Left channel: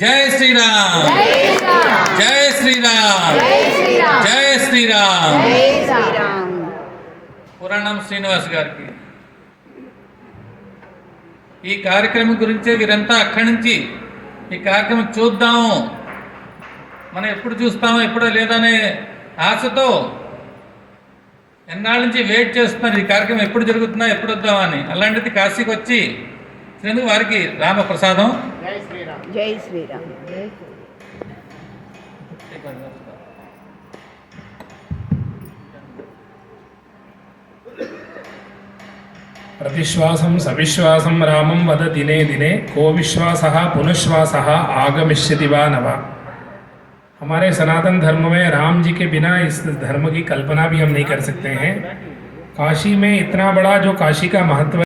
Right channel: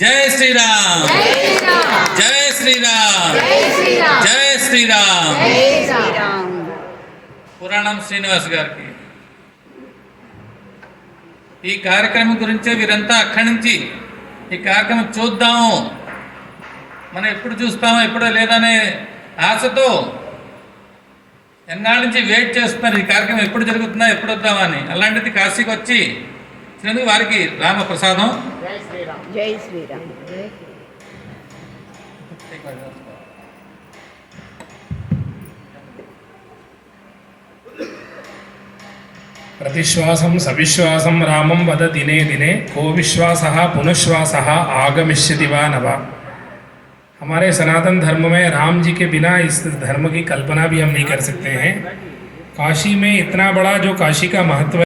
जय श्री राम, जय श्री राम, जय श्री राम। పురాణం శ్రీనివాస్ గారికి ఈ కార్యక్రమం గురించే వీరంతా అక్కడి నుంచి ఈ కార్యక్రమం చూద్దాము, మనం ఎప్పుడు చూస్తామో ఎప్పుడో లేదనే ఆశతో ఎన్నాళ్ళ నుంచి వెయిట్ చేస్తున్నారు. ఈ కార్యక్రమం ఎప్పుడు జరుగుతుందా, ఎప్పుడు వద్దామని. అలాంటిది కాశీకి వచ్చి వారికి రామప్రసాదం. జై శ్రీరామ్, జై శ్రీరామ్, జై శ్రీరామ్. प्रतिश्वासं सविश्वासं रामं वद दिने दिने को विश्वासः पुनश्वासः आगमिष्यति वा न वा। हमारे सनातन धर्म में राम जी के बिना इस धर्म की कल्पना भी हम नहीं कर सकते हैं। काशी में इतना बड़ा जो काशी का महत्व